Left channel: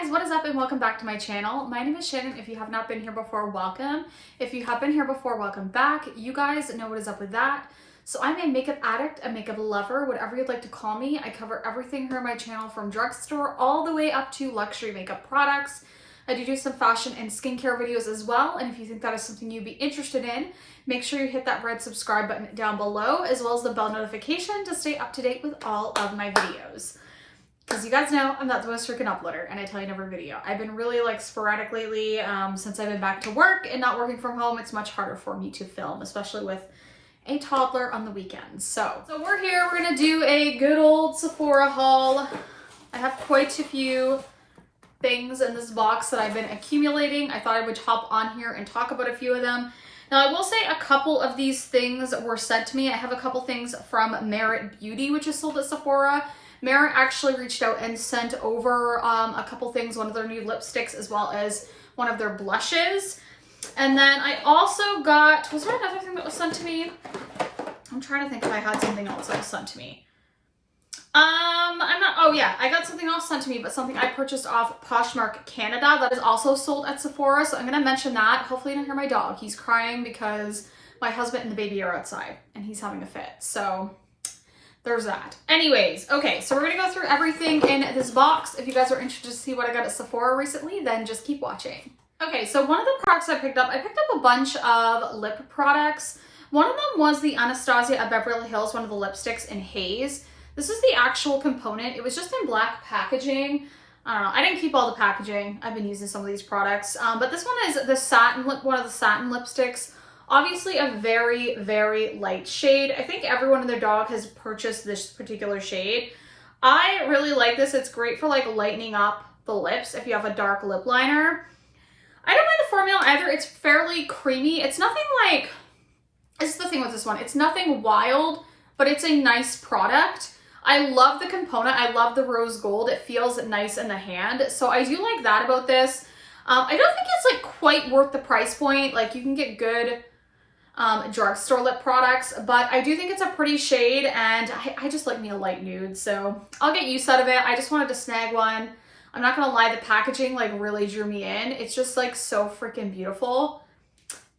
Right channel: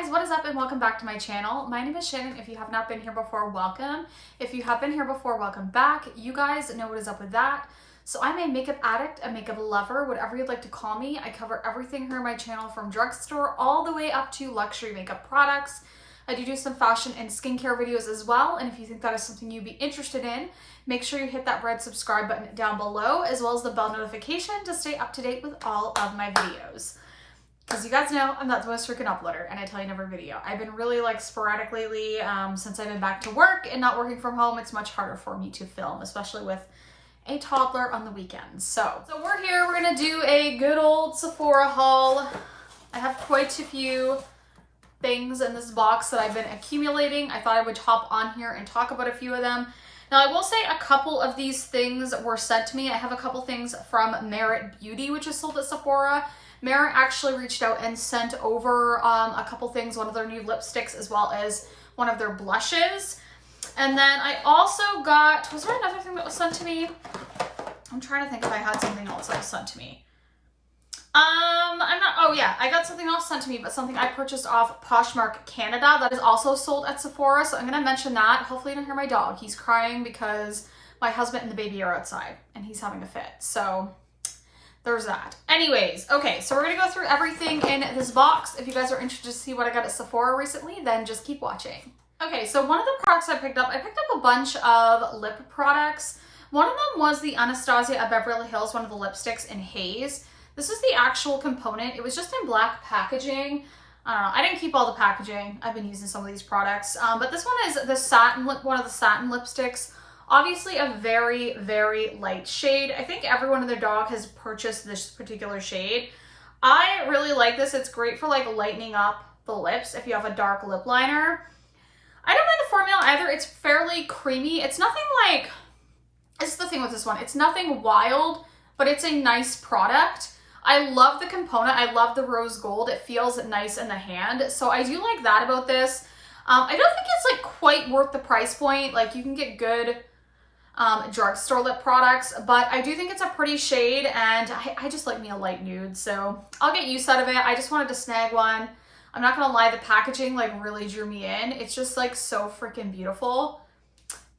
guys, what is up and welcome back to my channel. My name is Shannon. If you have not been here before, welcome. If you have been here before, welcome back. You guys know what is up with that. So I'm a makeup addict, a makeup lover, whatever you'd like to call me. I cover everything here on my channel from drugstore all the way up to luxury makeup products. I do some fashion and skincare videos as well. And if you think that is something you'd be interested in, make sure you hit that red subscribe button down below, as well as the bell notification to stay up to date with all of my videos. Because you guys know I'm not the most freaking uploader, and I tell you never video. I've been really sporadic lately since I've been back to work and not working from home. It's much harder for me to film, especially with a toddler on the weekends. So we're here. We're gonna do a good old Sephora haul. I have quite a few things in this box that I've been accumulating. I thought I would hop on here and talk about a few of them. Now, I will say a couple of these things were sent to me. I have a couple things from Merit Beauty, which is sold at Sephora. Merit actually reached out and sent over a couple things, one of their new lipsticks as well as one of their blushes. And then I also got, was there another thing that was sent to me? I'm trying to think if I had something else that was sent to me. Oh yeah, I got something else sent to me, but something I purchased off Poshmark Canada that is also sold at Sephora. So I'm gonna mention that. Hopefully you don't hear my dog. He's crying because my husband and the baby are outside and he's having a fit. So there's that. Anyways, okay, so we're gonna go through everything in this box. If you guys are interested to see what I got at Sephora recently, then just keep watching. Okay, so one of the products I picked up a bunch of lip products. One of them was the Anastasia at Beverly Hills, one of the lipsticks in Haze. This is the actual component. It was just in black packaging. I don't know, I didn't keep all the packaging. I've been using some of these products, but this one is the satin lip, one of the satin lipsticks. Obviously a very, very light shade. I think everyone and their dog has purchased this particular shade. I really like this. It's great for lightening up the lips if you have a dark lip liner. I don't mind the formula either. It's fairly creamy. It's nothing this is the thing with this one. It's nothing wild, but it's a nice product. I love the component. I love the rose gold. It feels nice in the hand. So I do like that about this. I don't think it's quite worth the price point. You can get good drugstore lip products, but I do think it's a pretty shade, and I just like me a light nude, so I'll get use out of it. I just wanted to snag one. I'm not gonna lie, the packaging really drew me in. It's just so freaking beautiful.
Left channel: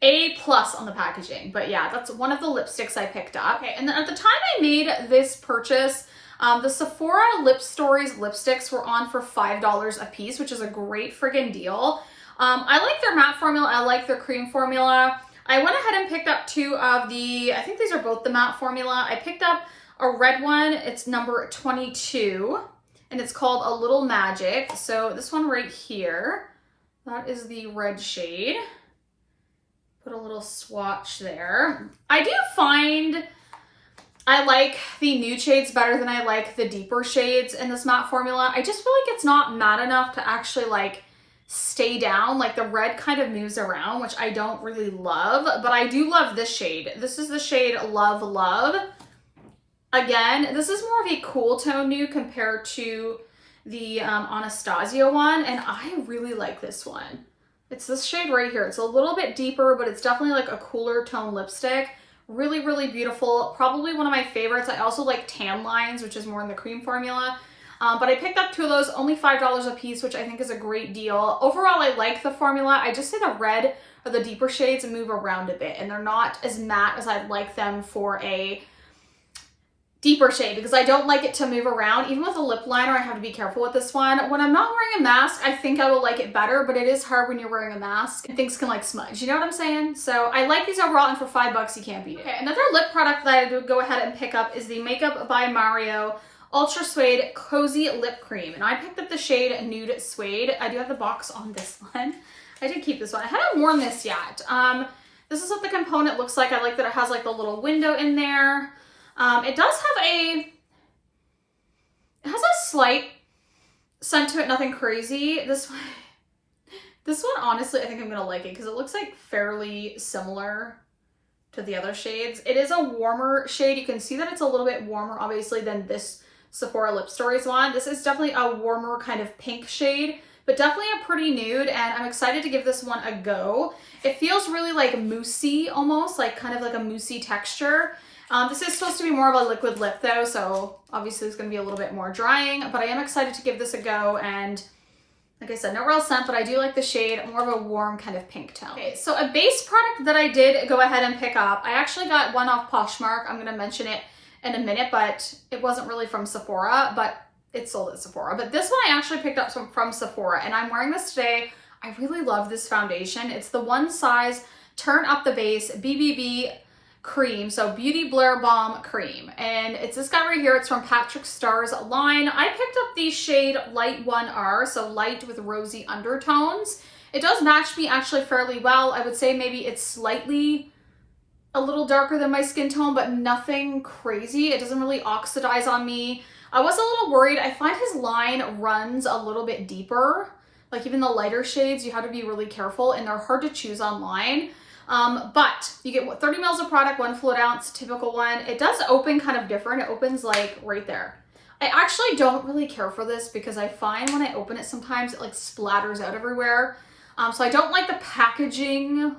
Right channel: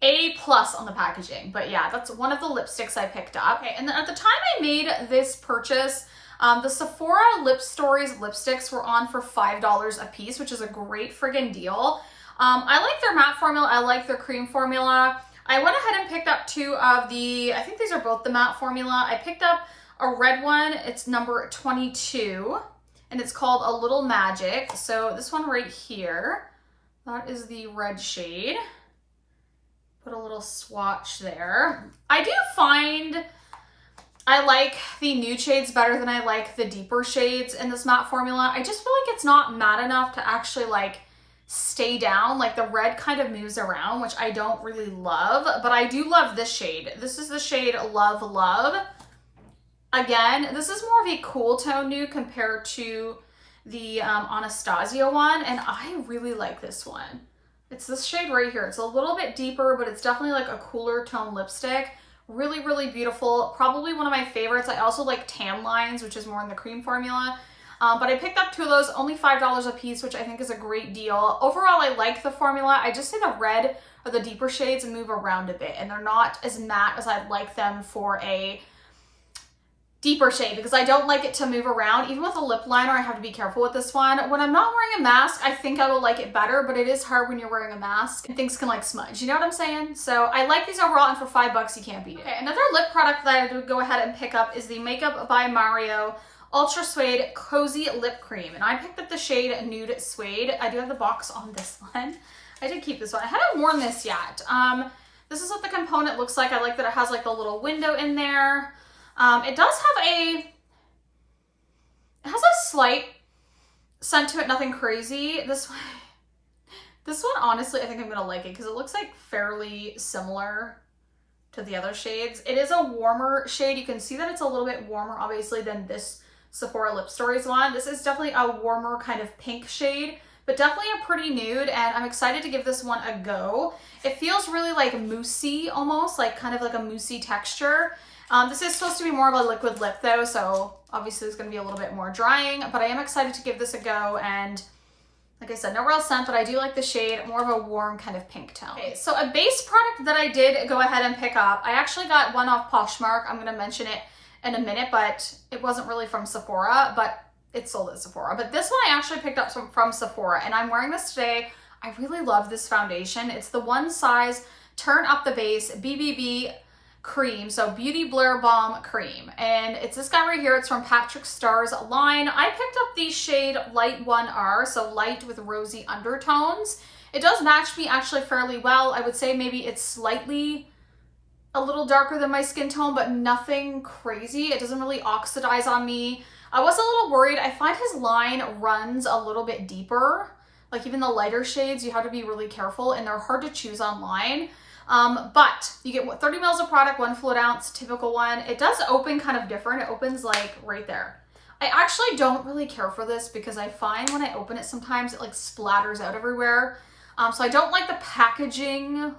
A+ on the packaging, but yeah, that's one of the lipsticks I picked up. Okay, and then at the time I made this purchase, the Sephora Lip Stories lipsticks were on for $5 a piece, which is a great friggin' deal. I like their matte formula. I like their cream formula. I went ahead and picked up two of the, I think these are both the matte formula. I picked up a red one. It's number 22, and it's called A Little Magic. So this one right here, that is the red shade. Put a little swatch there. I do find I like the nude shades better than I like the deeper shades in this matte formula. I just feel like it's not matte enough to actually stay down. The red kind of moves around, which I don't really love, but I do love this shade. This is the shade Love Love. Again, this is more of a cool tone nude compared to the Anastasia one, and I really like this one. It's this shade right here. It's a little bit deeper, but it's definitely a cooler tone lipstick. Really, really beautiful. Probably one of my favorites. I also like Tan Lines, which is more in the cream formula. But I picked up two of those, only $5 a piece, which I think is a great deal. Overall, I like the formula. I just say the red or the deeper shades move around a bit, and they're not as matte as I'd like them for a deeper shade, because I don't like it to move around. Even with a lip liner, I have to be careful with this one. When I'm not wearing a mask, I think I will like it better, but it is hard when you're wearing a mask and things can smudge. You know what I'm saying? So I like these overall, and for $5, you can't beat it. Okay, another lip product that I would go ahead and pick up is the Makeup by Mario Ultra Suede Cozy Lip Cream, and I picked up the shade Nude Suede. I do have the box on this one. I did keep this one. I haven't worn this yet. This is what the component looks like. I like that it has the little window in there. It does have it has a slight scent to it, nothing crazy. This one honestly, I think I'm gonna like it because it looks fairly similar to the other shades. It is a warmer shade. You can see that it's a little bit warmer, obviously, than this Sephora Lip Stories one. This is definitely a warmer kind of pink shade, but definitely a pretty nude, and I'm excited to give this one a go. It feels really moussey almost, kind of a moussey texture. This is supposed to be more of a liquid lip though, so obviously it's going to be a little bit more drying, but I am excited to give this a go, and Like I said, no real scent, but I do like the shade, more of a warm kind of pink tone. Okay, so a base product that I did go ahead and pick up, I actually got one off Poshmark. I'm gonna mention it in a minute, but it wasn't really from Sephora, but it's sold at Sephora. But this one I actually picked up from Sephora, and I'm wearing this today. I really love this foundation. It's the One Size Turn Up the Base BBB cream, so Beauty Blur Balm cream, and it's this guy right here. It's from Patrick Starr's line. I picked up the shade Light 1R, so light with rosy undertones. It does match me actually fairly well. I would say maybe it's slightly a little darker than my skin tone, but nothing crazy. It doesn't really oxidize on me. I was a little worried. I find his line runs a little bit deeper. Like even the lighter shades, you have to be really careful, and they're hard to choose online. But you get 30 mils of product, 1 fluid ounce, typical one. It does open kind of different. It opens like right there. I actually don't really care for this because I find when I open it, sometimes it like splatters out everywhere. So I don't like the packaging,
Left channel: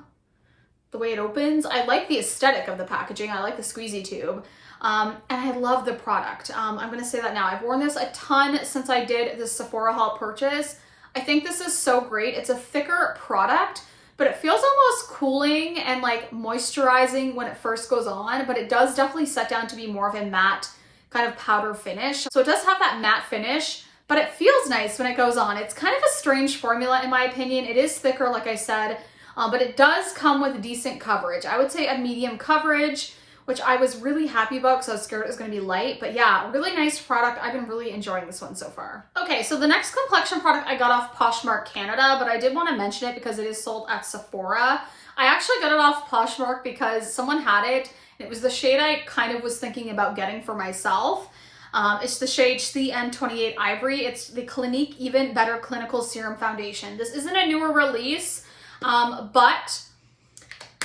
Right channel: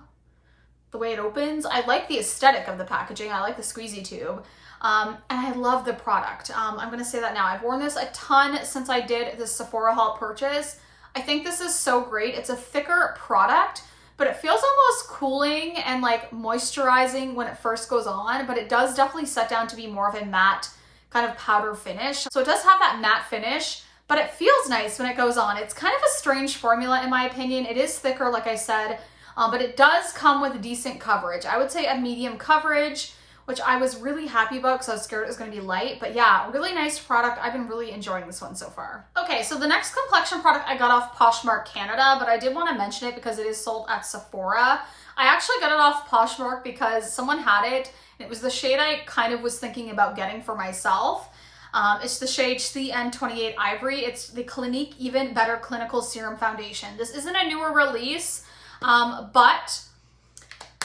the way it opens. I like the aesthetic of the packaging. I like the squeezy tube. And I love the product. I'm going to say that now. I've worn this a ton since I did this Sephora haul purchase. I think this is so great. It's a thicker product, but it feels almost cooling and like moisturizing when it first goes on, but it does definitely set down to be more of a matte kind of powder finish. So it does have that matte finish, but it feels nice when it goes on. It's kind of a strange formula in my opinion. It is thicker, like I said, but it does come with decent coverage. I would say a medium coverage, which I was really happy about because I was scared it was going to be light. But yeah, really nice product. I've been really enjoying this one so far. Okay, so the next complexion product I got off Poshmark Canada, but I did want to mention it because it is sold at Sephora. I actually got it off Poshmark because someone had it. And it was the shade I kind of was thinking about getting for myself. It's the shade CN28 Ivory. It's the Clinique Even Better Clinical Serum Foundation. This isn't a newer release, but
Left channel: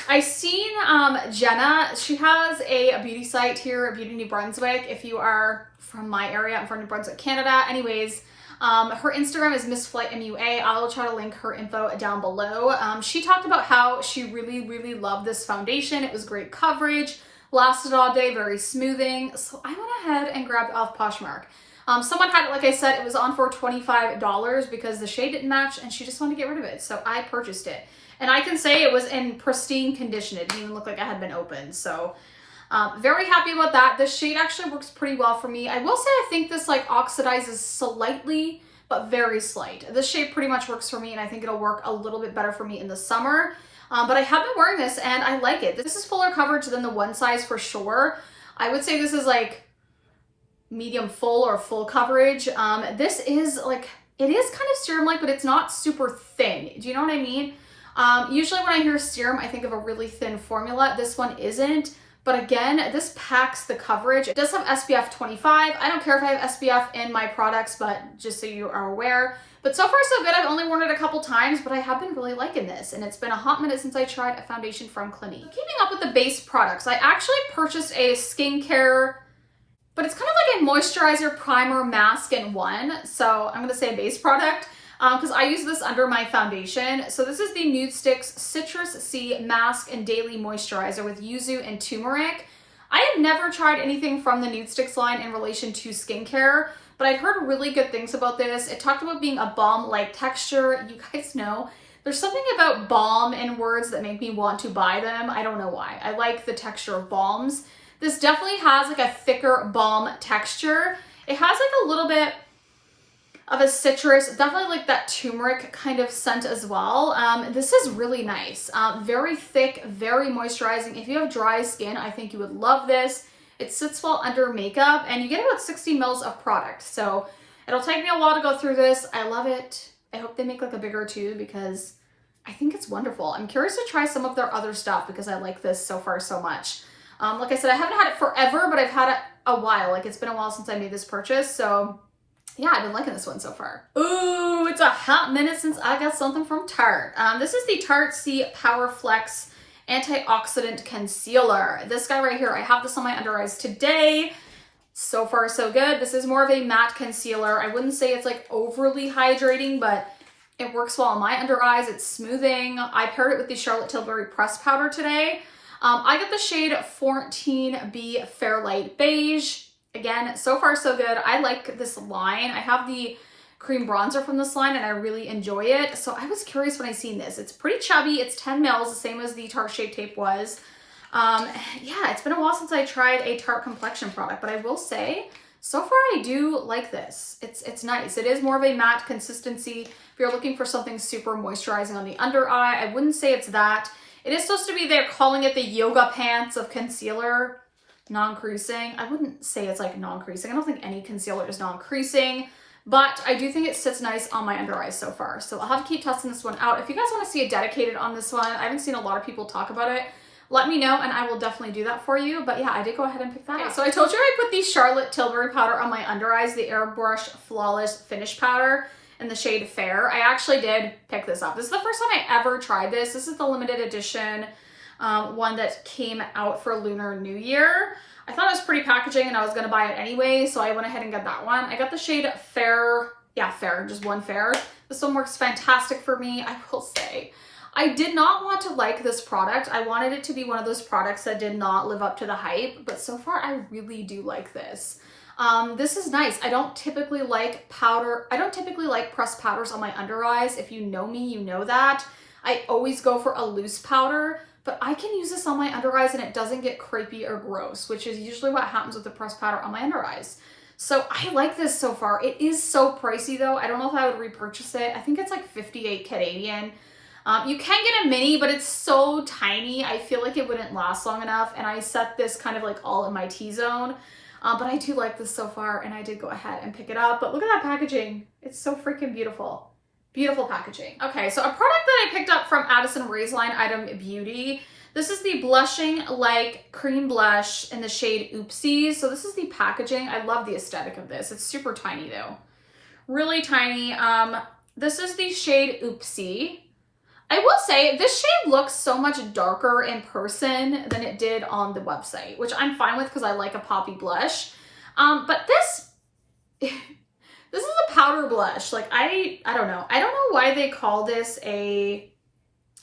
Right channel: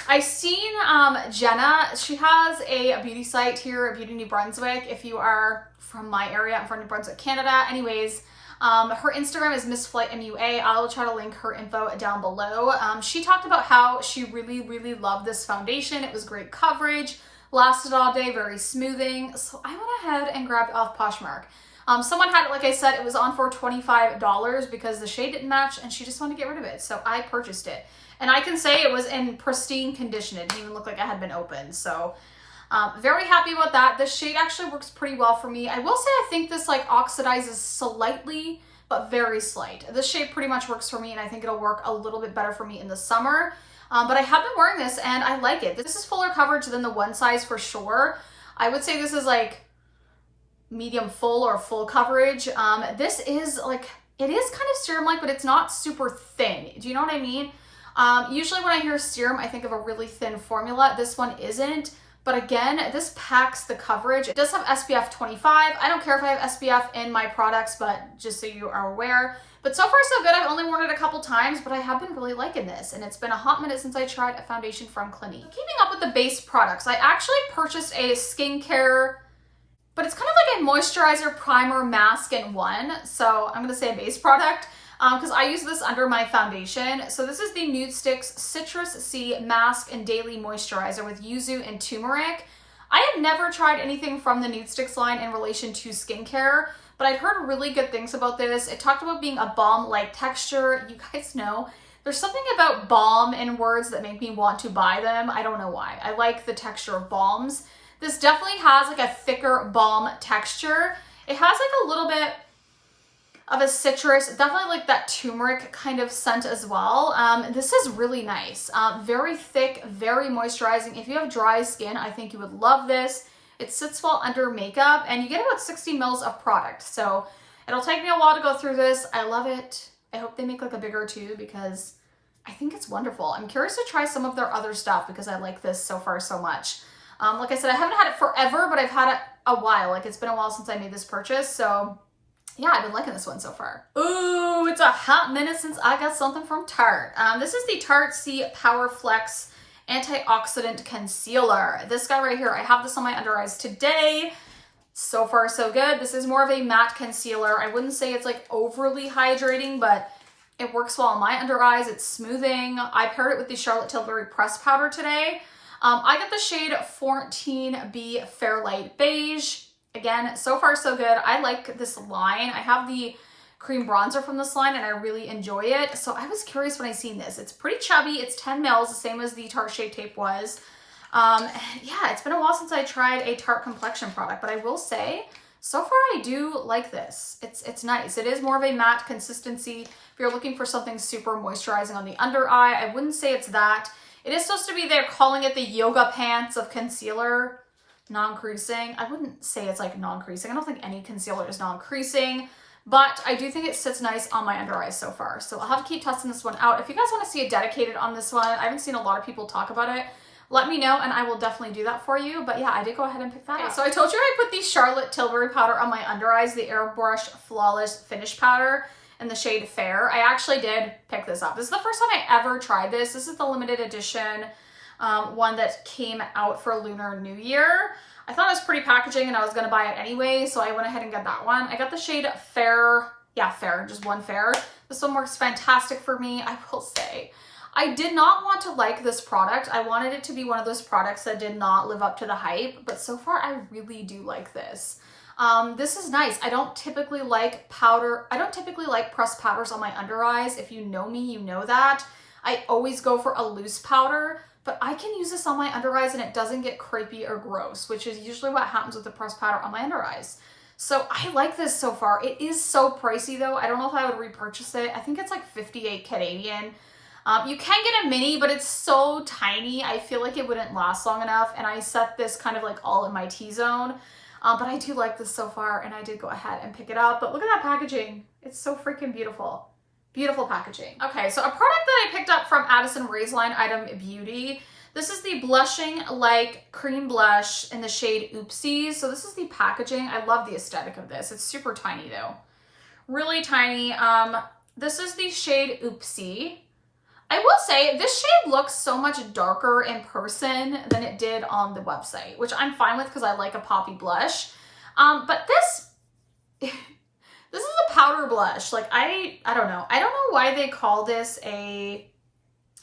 I seen Jenna. She has a beauty site here at Beauty New Brunswick. If you are from my area, I'm from New Brunswick, Canada. Anyways, her Instagram is MissFlightMUA. I'll try to link her info down below. She talked about how she really loved this foundation. It was great coverage, lasted all day, very smoothing. So I went ahead and grabbed it off Poshmark. Someone had it, like I said, it was on for $25 because the shade didn't match and she just wanted to get rid of it. So I purchased it. And I can say it was in pristine condition. It didn't even look like it had been opened. So very happy with that. This shade actually works pretty well for me. I will say I think this like oxidizes slightly, but very slight. This shade pretty much works for me, and I think it'll work a little bit better for me in the summer. But I have been wearing this and I like it. This is fuller coverage than the One Size for sure. I would say this is like medium full or full coverage. This is like, it is kind of serum-like, but it's not super thin. Do you know what I mean? Usually when I hear serum, I think of a really thin formula. This one isn't, but again, this packs the coverage. It does have SPF 25. I don't care if I have SPF in my products, but just so you are aware. But so far so good. I've only worn it a couple times, but I have been really liking this. And it's been a hot minute since I tried a foundation from Clinique. Keeping up with the base products, I actually purchased a skincare, but it's kind of like a moisturizer, primer, mask in one. So I'm gonna say a base product, because I use this under my foundation. So this is the Nudestix Citrus Sea Mask and Daily Moisturizer with yuzu and turmeric. I have never tried anything from the Nudestix line in relation to skincare, but I've heard really good things about this. It talked about being a balm-like texture. You guys know, there's something about balm in words that make me want to buy them. I don't know why. I like the texture of balms. This definitely has like a thicker balm texture. It has like a little bit of a citrus, definitely like that turmeric kind of scent as well. This is really nice. Very thick, very moisturizing. If you have dry skin, I think you would love this. It sits well under makeup, and you get about 60 mils of product. So it'll take me a while to go through this. I love it. I hope they make like a bigger tube because I think it's wonderful. I'm curious to try some of their other stuff because I like this so far so much. Like I said, I haven't had it forever, but I've had it a while. Like it's been a while since I made this purchase. So yeah, I've been liking this one so far. Ooh, it's a hot minute since I got something from Tarte. This is the Tarte C Power Flex Antioxidant Concealer. This guy right here, I have this on my under eyes today. So far, so good. This is more of a matte concealer. I wouldn't say it's like overly hydrating, but it works well on my under eyes. It's smoothing. I paired it with the Charlotte Tilbury Press Powder today. I got the shade 14B Fairlight Beige. Again, so far so good. I like this line. I have the cream bronzer from this line, and I really enjoy it. So I was curious when I seen this. It's pretty chubby. It's 10 mils, the same as the Tarte Shape Tape was. Yeah, it's been a while since I tried a Tarte complexion product, but I will say, so far I do like this. It's nice. It is more of a matte consistency. If you're looking for something super moisturizing on the under eye, I wouldn't say it's that. It is supposed to be, they're calling it the yoga pants of concealer, non-creasing. I wouldn't say it's like non-creasing. I don't think any concealer is non-creasing, but I do think it sits nice on my under eyes so far. So I'll have to keep testing this one out. If you guys want to see a dedicated on this one, I haven't seen a lot of people talk about it. Let me know and I will definitely do that for you. But yeah, I did go ahead and pick that up. So I told you I put the Charlotte Tilbury powder on my under eyes, the Airbrush Flawless Finish Powder in the shade Fair. I actually did pick this up. This is the first time I ever tried this. This is the limited edition one that came out for Lunar New Year. I thought it was pretty packaging and I was going to buy it anyway, so I went ahead and got that one. I got the shade Fair. Yeah, Fair, just one Fair. This one works fantastic for me, I will say. I did not want to like this product. I wanted it to be one of those products that did not live up to the hype, but so far I really do like this. This is nice. I don't typically like powder. I don't typically like pressed powders on my under eyes. If you know me, you know that. I always go for a loose powder, but I can use this on my under eyes and it doesn't get crepey or gross, which is usually what happens with the pressed powder on my under eyes. So I like this so far. It is so pricey though. I don't know if I would repurchase it. I think it's like 58 Canadian. You can get a mini, but it's so tiny. I feel like it wouldn't last long enough. And I set this kind of like all in my T-zone. But I do like this so far and I did go ahead and pick it up. But look at that packaging. It's so freaking beautiful. Beautiful packaging. Okay, so a product that I picked up from Addison Raised line, Item Beauty. This is the Blushing Like Cream Blush in the shade Oopsies. So this is the packaging. I love the aesthetic of this. It's super tiny though. Really tiny. This is the shade Oopsie. I will say this shade looks so much darker in person than it did on the website, which I'm fine with because I like a poppy blush. But this, this is a powder blush. Like I don't know. I don't know why they call this a,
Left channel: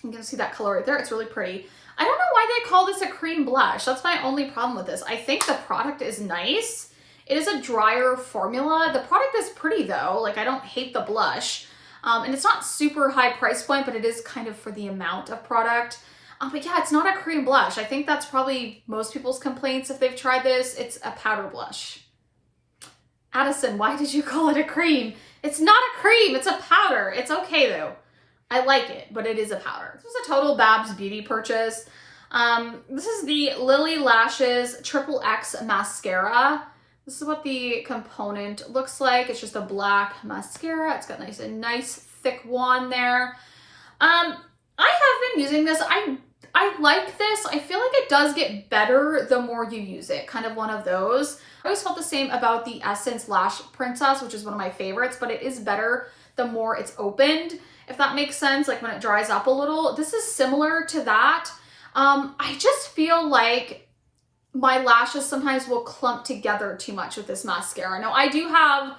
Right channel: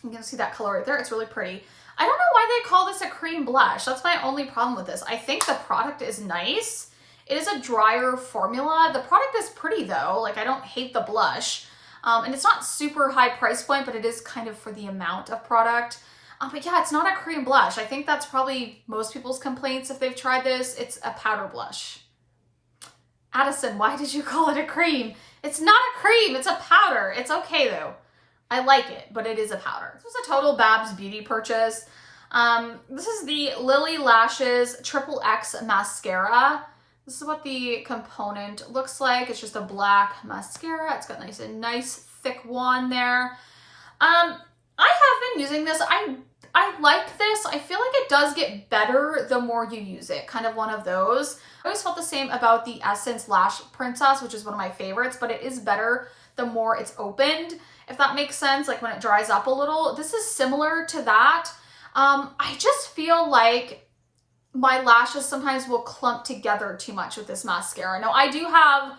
you can see that color right there. It's really pretty. I don't know why they call this a cream blush. That's my only problem with this. I think the product is nice. It is a drier formula. The product is pretty though. Like I don't hate the blush. And it's not super high price point, but it is kind of for the amount of product. But yeah, it's not a cream blush. I think that's probably most people's complaints if they've tried this. It's a powder blush. Addison, why did you call it a cream? It's not a cream, it's a powder. It's okay though. I like it, but it is a powder. This is a total Babs Beauty purchase. This is the Lily Lashes Triple X Mascara. This is what the component looks like. It's just a black mascara. It's got a nice thick wand there. I have been using this. I like this. I feel like it does get better the more you use it. Kind of one of those. I always felt the same about the Essence Lash Princess, which is one of my favorites, but it is better the more it's opened, if that makes sense, like when it dries up a little. This is similar to that. I just feel like my lashes sometimes will clump together too much with this mascara. Now I do have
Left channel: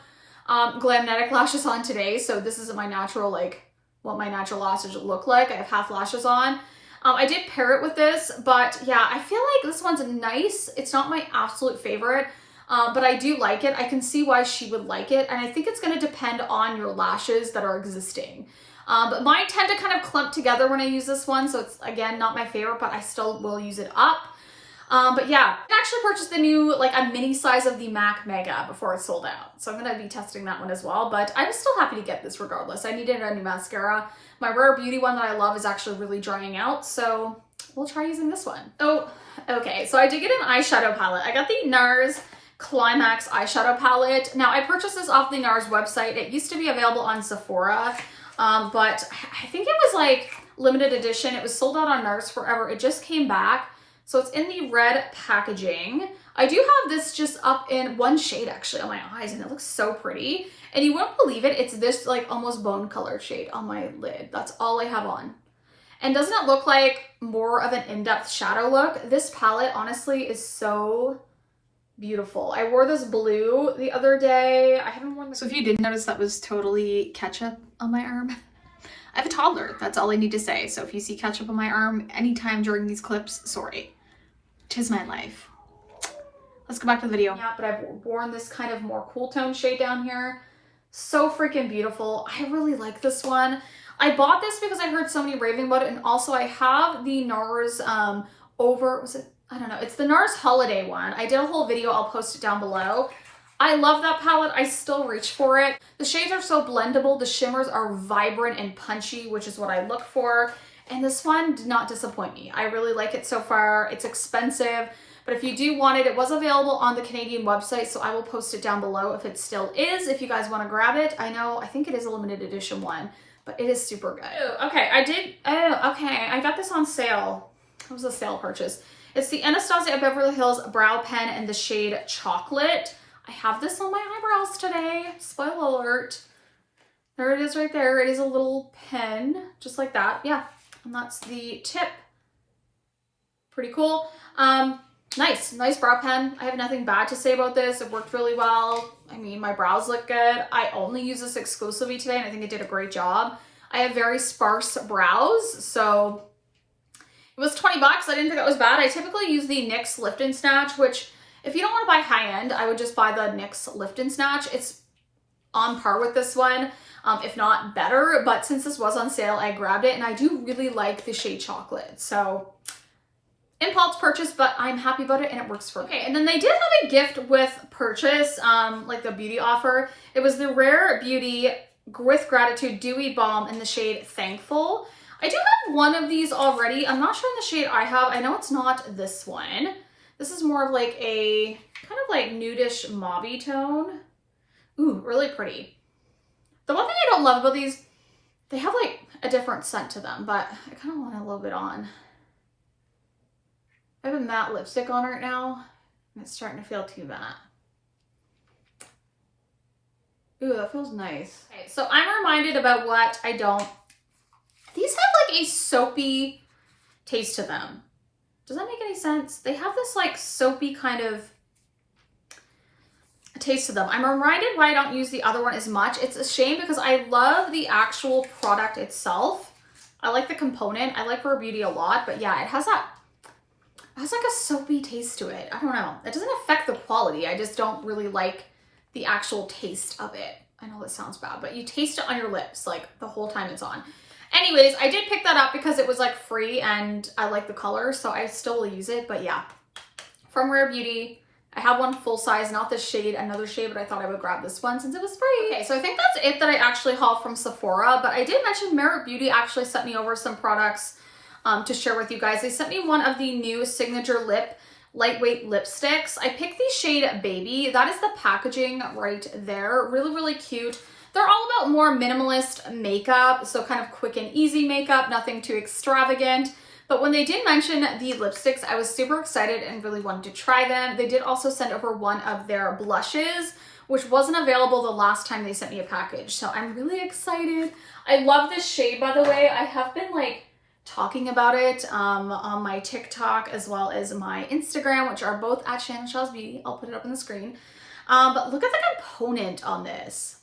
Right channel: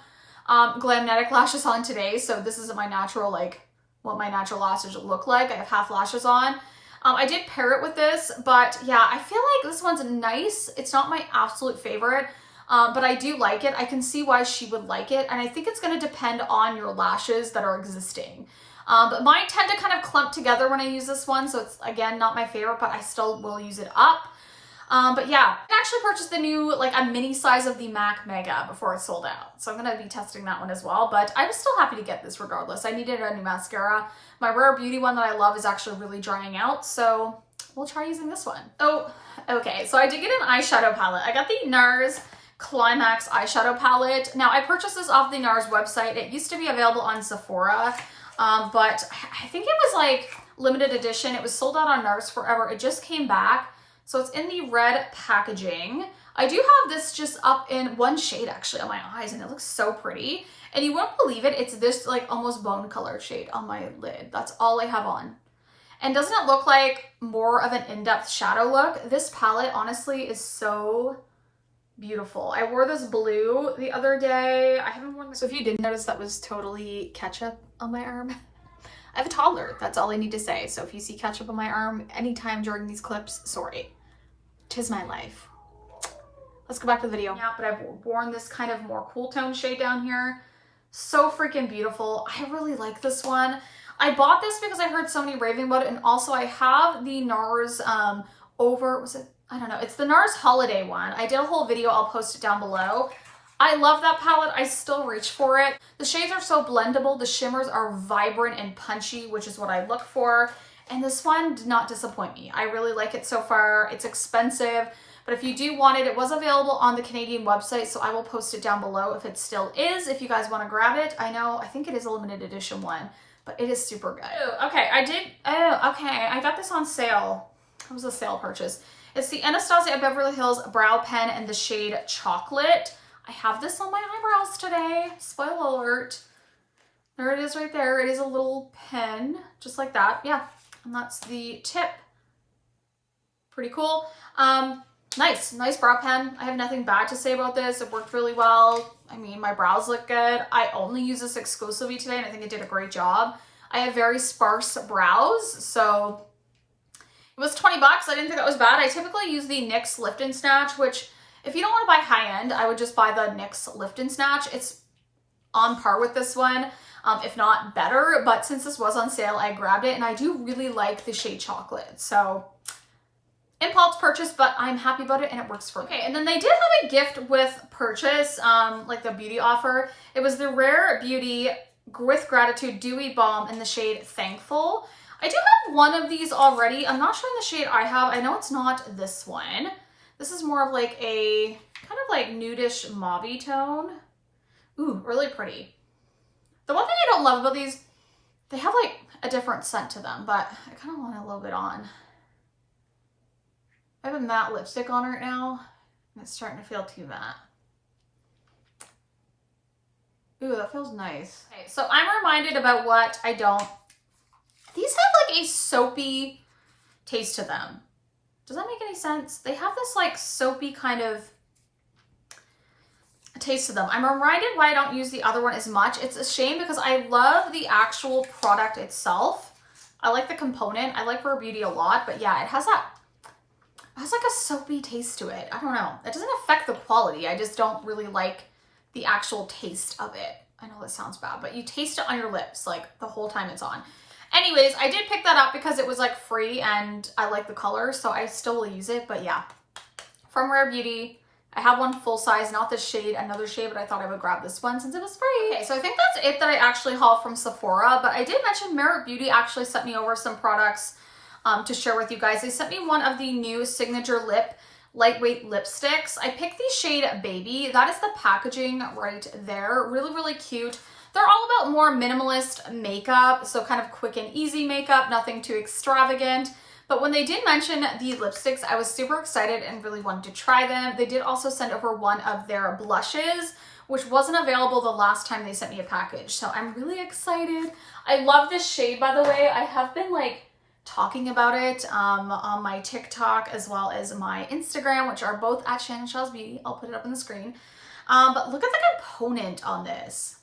Glamnetic lashes on today, so this isn't my natural, like what my natural lashes look like. I have half lashes on. I did pair it with this, but yeah, I feel like this one's nice. It's not my absolute favorite, but I do like it. I can see why she would like it, and I think it's going to depend on your lashes that are existing. But mine tend to kind of clump together when I use this one, so it's again not my favorite, but I still will use it up. But yeah, I actually purchased the new, like a mini size of the MAC Mega before it sold out. So I'm going to be testing that one as well, but I'm still happy to get this regardless. I needed a new mascara. My Rare Beauty one that I love is actually really drying out, so we'll try using this one. Oh, okay. So I did get an eyeshadow palette. I got the NARS Climax eyeshadow palette. Now I purchased this off the NARS website. It used to be available on Sephora, but I think it was like limited edition. It was sold out on NARS forever. It just came back. So it's in the red packaging. I do have this just up in one shade actually on my eyes, and it looks so pretty. And you won't believe it, it's this like almost bone color shade on my lid. That's all I have on. And doesn't it look like more of an in-depth shadow look? This palette honestly is so beautiful. I wore this blue the other day. I haven't worn this. So if you didn't notice, that was totally ketchup on my arm. I have a toddler, that's all I need to say. So if you see ketchup on my arm anytime during these clips, sorry. 'Tis my life. Let's go back to the video. Yeah, but I've worn this kind of more cool tone shade down here. So freaking beautiful. I really like this one. I bought this because I heard so many raving about it, and also I have the NARS I don't know, it's the NARS Holiday one. I did a whole video, I'll post it down below. I love that palette. I still reach for it. The shades are so blendable. The shimmers are vibrant and punchy, which is what I look for. And this one did not disappoint me. I really like it so far. It's expensive, but if you do want it, it was available on the Canadian website, so I will post it down below if it still is, if you guys want to grab it. I think it is a limited edition one, but it is super good. Oh, okay, I got this on sale. It was a sale purchase. It's the Anastasia Beverly Hills Brow Pen in the shade Chocolate. I have this on my eyebrows today. Spoiler alert. There it is right there. It is a little pen, just like that. Yeah, and that's the tip. Pretty cool. Nice brow pen. I have nothing bad to say about this. It worked really well. I mean, my brows look good. I only use this exclusively today, and I think it did a great job. I have very sparse brows, so it was 20 bucks. I didn't think that was bad. I typically use the NYX Lift and Snatch, which if you don't want to buy high end, I would just buy the NYX Lift and Snatch. It's on par with this one, if not better. But since this was on sale, I grabbed it, and I do really like the shade Chocolate. So impulse purchase, but I'm happy about it, and it works for me. Okay, and then they did have a gift with purchase, like the beauty offer. It was the Rare Beauty with Gratitude Dewy Balm in the shade Thankful. I do have one of these already. I'm not sure in the shade I have. I know it's not this one. This is more of like a kind of like nudish mauve tone. Ooh, really pretty. The one thing I don't love about these, they have like a different scent to them, but I kind of want a little bit on. I have a matte lipstick on right now, and it's starting to feel too matte. Ooh, that feels nice. Okay, so I'm reminded about what I don't. These have like a soapy taste to them. Does that make any sense? They have this like soapy kind of taste to them. I'm reminded why I don't use the other one as much. It's a shame because I love the actual product itself. I like the component. I like Rare Beauty a lot, but yeah, it has like a soapy taste to it. I don't know. It doesn't affect the quality. I just don't really like the actual taste of it. I know that sounds bad, but you taste it on your lips like the whole time it's on. Anyways, I did pick that up because it was like free and I like the color, so I still will use it. But yeah, from Rare Beauty, I have one full size, not this shade, another shade, but I thought I would grab this one since it was free. Okay, so I think that's it that I actually hauled from Sephora, but I did mention Merit Beauty actually sent me over some products to share with you guys. They sent me one of the new Signature Lip lightweight lipsticks. I picked the shade Baby. That is the packaging right there. Really, really cute. They're all about more minimalist makeup, so kind of quick and easy makeup, nothing too extravagant. But when they did mention the lipsticks, I was super excited and really wanted to try them. They did also send over one of their blushes, which wasn't available the last time they sent me a package. So I'm really excited. I love this shade, by the way. I have been like talking about it on my TikTok as well as my Instagram, which are both at Shannon Shaw's Beauty. I'll put it up on the screen. But look at the component on this.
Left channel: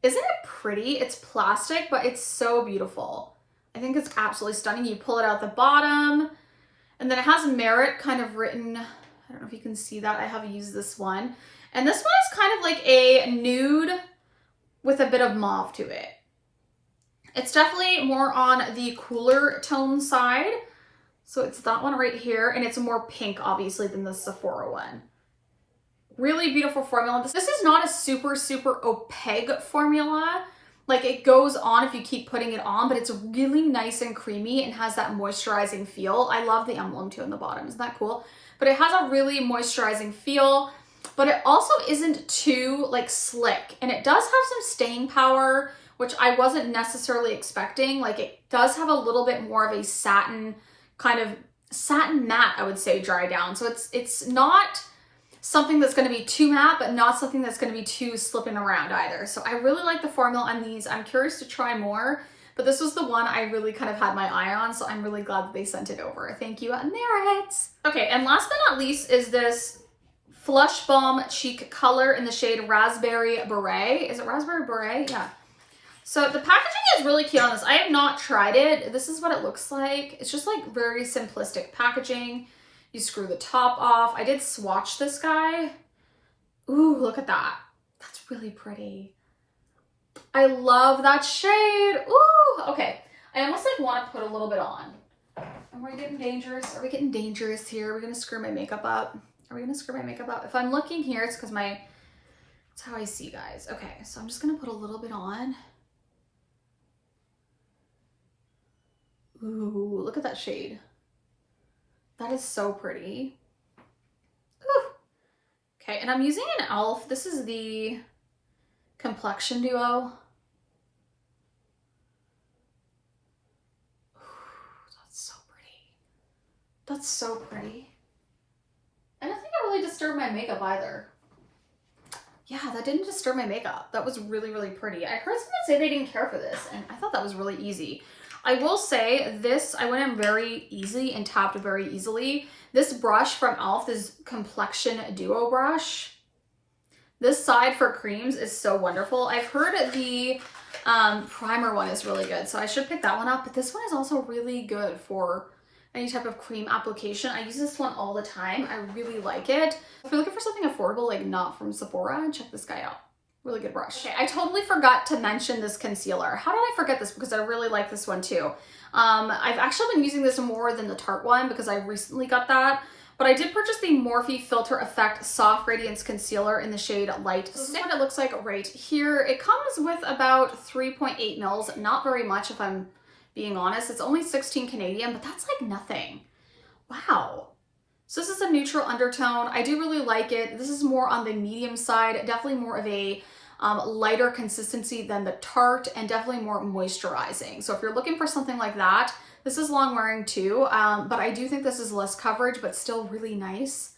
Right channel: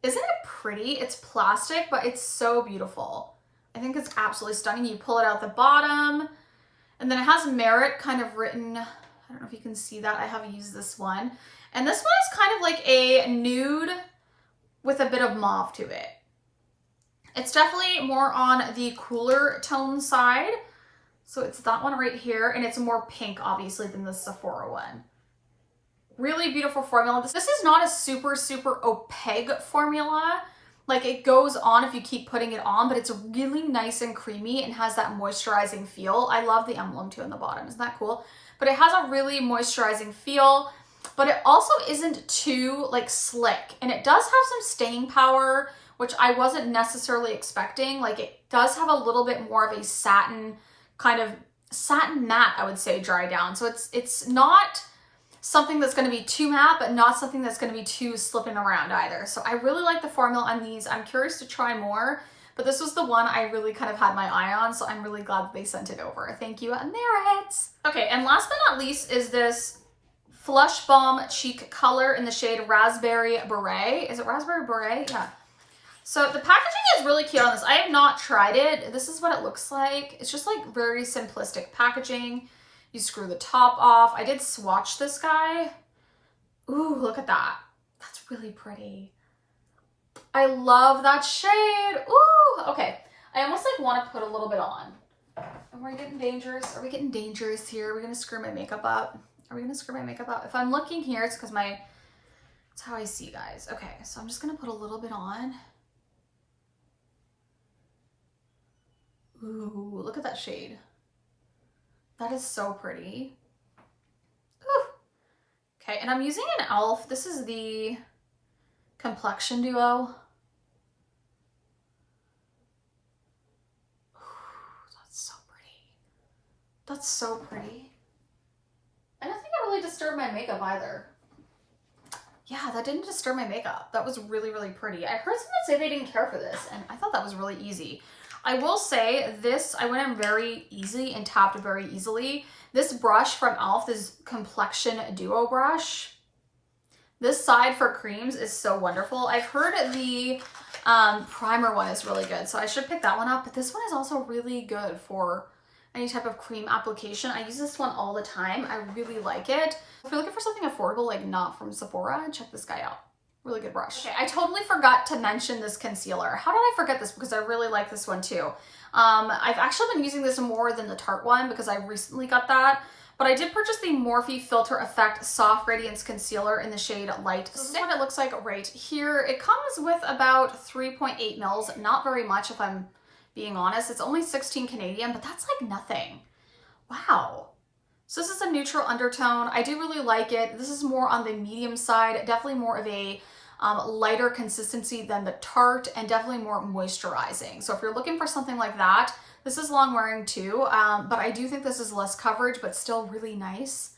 Isn't it pretty? It's plastic, but it's so beautiful. I think it's absolutely stunning. You pull it out the bottom, and then it has Merit kind of written. I don't know if you can see that. I have used this one. And this one is kind of like a nude with a bit of mauve to it. It's definitely more on the cooler tone side. So it's that one right here, and it's more pink, obviously, than the Sephora one. Really beautiful formula. This is not a super, super opaque formula. Like it goes on if you keep putting it on, but it's really nice and creamy and has that moisturizing feel. I love the emblem too on the bottom. Isn't that cool? But it has a really moisturizing feel, but it also isn't too like slick. And it does have some staying power, which I wasn't necessarily expecting. Like it does have a little bit more of a satin, kind of satin matte, I would say, dry down. So it's not something that's going to be too matte, but not something that's going to be too slipping around either. So I really like the formula on these. I'm curious to try more, but this was the one I really kind of had my eye on. So I'm really glad that they sent it over. Thank you, Merit. Okay, and last but not least is this Flush Balm Cheek Color in the shade Raspberry Beret. Is it Raspberry Beret? Yeah. So the packaging is really cute on this. I have not tried it. This is what it looks like. It's just like very simplistic packaging. You screw the top off. I did swatch this guy. Ooh, look at that. That's really pretty. I love that shade. Ooh, okay. I almost like want to put a little bit on. And we're getting dangerous. Are we getting dangerous here? Are we gonna screw my makeup up? Are we gonna screw my makeup up? If I'm looking here, it's because that's how I see, guys. Okay, so I'm just gonna put a little bit on. Ooh, look at that shade. That is so pretty. Ooh. Okay, and I'm using an e.l.f. This is the Complexion Duo. Ooh, that's so pretty. That's so pretty. I don't think that really disturbed my makeup either. Yeah, that didn't disturb my makeup. That was really, really pretty. I heard someone say they didn't care for this, and I thought that was really easy. I will say this, I went in very easy and tapped very easily. This brush from e.l.f., this Complexion Duo brush, this side for creams is so wonderful. I've heard the primer one is really good, so I should pick that one up. But this one is also really good for any type of cream application. I use this one all the time. I really like it. If you're looking for something affordable, like not from Sephora, check this guy out. Really good brush. Okay, I totally forgot to mention this concealer. How did I forget this? Because I really like this one too. I've actually been using this more than the Tarte one because I recently got that. But I did purchase the Morphe Filter Effect Soft Radiance Concealer in the shade Light. This is what it looks like right here. It comes with about 3.8 mils. Not very much if I'm being honest. It's only 16 Canadian, but that's like nothing. Wow. So this is a neutral undertone. I do really like it. This is more on the medium side, definitely more of a lighter consistency than the Tarte, and definitely more moisturizing. So if you're looking for something like that, this is long wearing too, but I do think this is less coverage, but still really nice.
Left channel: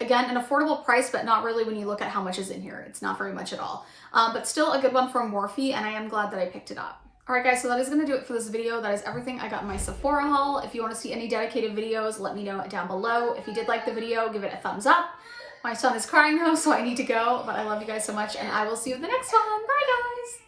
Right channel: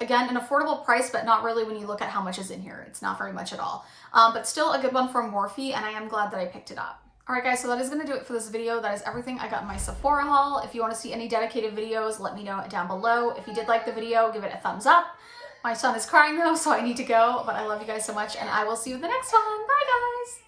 Again, an affordable price, but not really when you look at how much is in here. It's not very much at all, but still a good one from Morphe, and I am glad that I picked it up. All right, guys, so that is going to do it for this video. That is everything I got in my Sephora haul. If you want to see any dedicated videos, let me know down below. If you did like the video, give it a thumbs up. My son is crying though, so I need to go, but I love you guys so much, and I will see you in the next one. Bye, guys.